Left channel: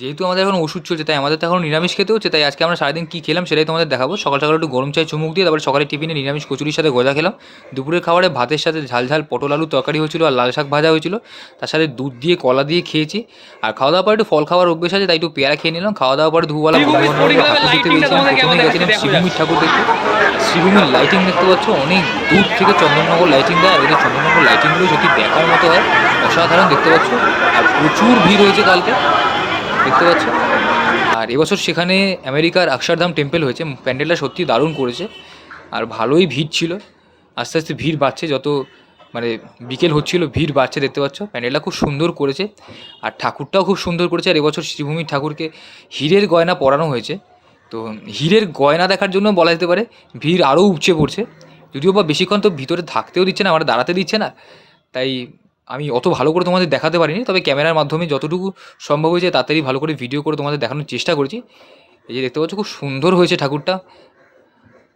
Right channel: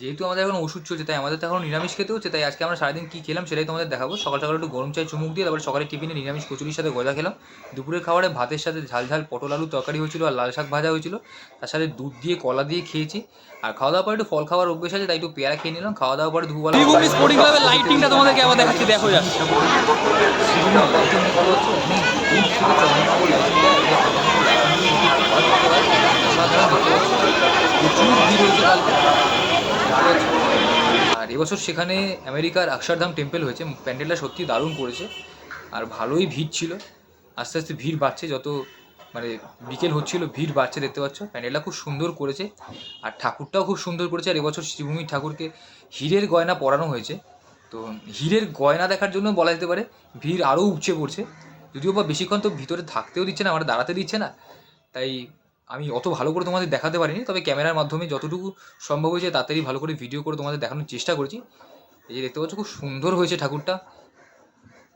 যেহেতু আমাদের এখন ওষুধ চলছে, তাই আমাদের তো এখন নিরামিষ খেতে হচ্ছে। তাই আজকে আমরা সারাদিন কী খেলাম সেটাই তোমাদের দেখাবো। সকাল সকাল একটু গরম চায় চুমুক দিয়ে, তারপরে সকালে টিফিনে নিরামিষ কচুরির সাথে গজা খেলাম। দুপুরের খাবারে ভাতের সাথে ঝাল ঝাল পটল আলু তরকারি হয়েছিল আর লাল শাক ভাজা হয়েছিল। তার সাথে দুধ দিয়ে কলা দিয়ে খেয়েছি। আর খাওয়া দাওয়ার পরে একটু ফল খাওয়ার অভ্যেস আছে, তাই একটু পেয়ারা খেয়ে নিলাম। খাওয়া দাওয়ার পরে দুপুরবেলা শ্রীভূমি বন্ধু স্পোর্টিং বান্ধব ক্লাবের ঠাকুর দেখতে লাইটিংটা গেছিলাম। তোমাদেরকে একবার প্রথমে দেখাচ্ছি, গেছিলাম দেখো শ্রীভূমির জাস্ট। ঠাকুর দেখতে। শ্রীভূমির লাইটিং দেখতে পাচ্ছ, অনেক দূর থেকে চন্দননগর লাইটিং দেয়। ওদের চন্দননগর লাইটিংগুলো যদি দেখার মতো হয়, অসাধারণ দেখতে পাচ্ছ। প্রচুর ভিড় হয়েছে কালকে, দেখতে পাচ্ছ। আর এবছর সেখানে আমেরিকার অক্ষরধাম টেম্পল হয়েছে। প্যান্ডেলটা সত্যি দারুণ করেছে আর ভালোই ভিড় ছিল। আস্তে আস্তে ভিড় বাড়ছে, যত মানে বিকেল হচ্ছিল ভিড় বাড়ছে, দেখতে পাচ্ছ। প্যান্ডেলটা খুব সুন্দর করেছে আর ঠাকুরটাও খুব সুন্দর করেছে। আর এবছর শ্রীভূমির ঠাকুরকে হীরের গয়না পরানো হয়েছে। তো হীরের গয়না দেখার জন্য বলা যেতে পারে ভিড় আরও উপচে পড়ছে। যদিও বা বেশিক্ষণ তো ভিতরে থাকতেও দিচ্ছে না, আমরা দাঁড়াতে দিচ্ছে না। তাই আমি অত ভালো করে তোমাদের দেখাতে পারিনি, তবে ক্যামেরার মাধ্যমে যতটুকু সম্ভব হয়েছে তাড়াতাড়ি ভালো করে ভিডিও করে তোমাদের দেখানোর চেষ্টা করেছি। এই যে দেখতে পাচ্ছ, খুব সুন্দর হয়েছে ঠাকুরটা।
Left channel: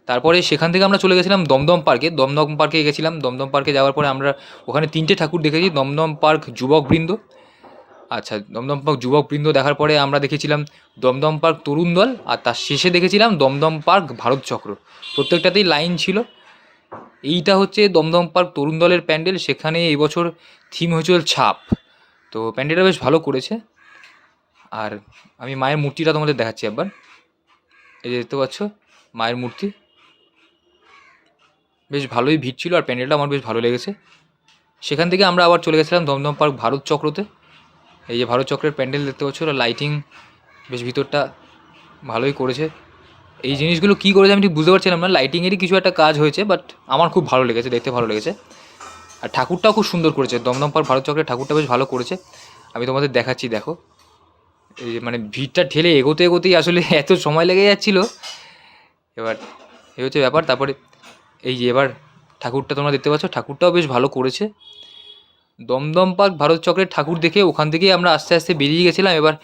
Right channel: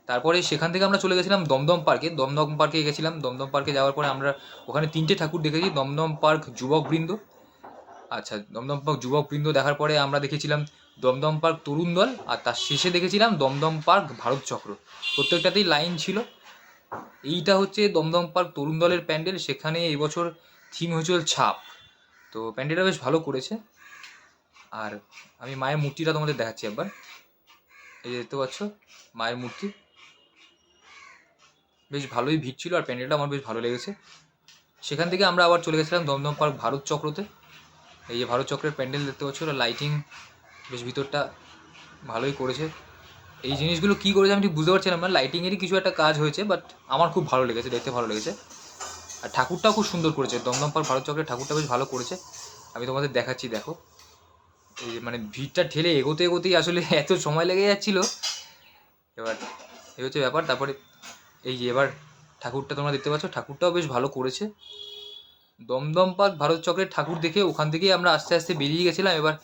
তারপরে সেখান থেকে আমরা চলে গেছিলাম দমদম পার্কে। দমদম পার্কে গেছিলাম। দমদম পার্কে যাওয়ার পরে আমরা ওখানে 3টে ঠাকুর দেখেছি। দমদম পার্ক যুবকবৃন্দ, আচ্ছা দমদম পার্ক যুবকবৃন্দ দেখার পরে আমরা দেখেছিলাম দমদম পার্ক তরুণ দল, আর তার শেষে দেখেছিলাম দমদম পার্ক ভারত চক্র। প্রত্যেকটাতেই লাইন ছিল। এইটা হচ্ছে দমদম পার্ক তরুণ দলের প্যান্ডেল। সেখানে এবছর থিম হয়েছিল ছাপ। তো প্যান্ডেলটা বেশ ভালো করেছে। আর আমি মায়ের মূর্তিটা তোমাদের দেখাচ্ছি একবার। এই যে দেখতে পাচ্ছ মায়ের মূর্তি। বেশ ভালোই ভিড় ছিল আর প্যান্ডেলটা আমার বেশ ভালো লেগেছে। সেখান থেকে আমরা আবার চলে গেছিলাম দমদম পার্ক ভারত চক্রতে। এই যে ভারত চক্রের প্যান্ডেল দেখতে পাচ্ছ, লাইটিং বেশ ভিতরটা ভালোই করেছে। এই জিনিসগুলো কী করেছে আমি ঠিক বুঝতে পারছিলাম না, লাইটিংয়েরই কিছু একটা কাজ হয়েছে, বাট আমার খুব ভালো লেগেছে, দেখতে ভালো লেগেছে। আর ঠাকুরটাও খুব সুন্দর করেছে। দমদম পার্ক ভারত চক্রের ঠাকুরটা বেশ ভালো করেছে। আমি তোমাদের দেখাচ্ছি, দেখো। এই যে মানে ভিড়টা ঠেলে এগোতে এগোতেই আসলে এত সময় লেগে যাচ্ছিলো। এবার এই হচ্ছে ব্যাপার। তারপরে এই যে এবার ঠাকুরটা তোমরা দেখতে পাচ্ছ, ঠাকুরটাও বেশ ভালো করেছে। দমদম পার্ক ভারত চক্রের ঠাকুর দেখে ওখান থেকেই আমরা আস্তে আস্তে বেরিয়ে গেছিলাম। এবার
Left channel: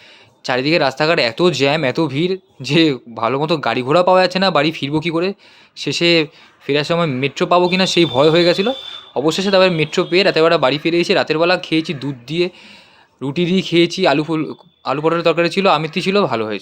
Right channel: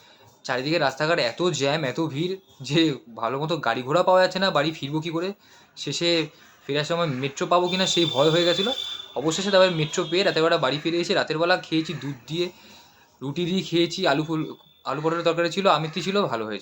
চারিদিকে রাস্তাঘাট এত জ্যাম, এত ভিড় যে ভালো মতো গাড়ি ঘোড়া পাওয়া যাচ্ছে না। বাড়ি ফিরবো কী করে, শেষে ফেরার সময় মেট্রো পাবো কি না সেই ভয় হয়ে গেছিলো। অবশেষে তারপরে মেট্রো পেয়ে রাতেরবেলা বাড়ি ফিরে এসে রাতের বেলা খেয়েছি দুধ দিয়ে, রুটি দিয়ে খেয়েছি। আলু পটলের তরকারি ছিল, আমিত্তি ছিল, ভালো হয়েছে।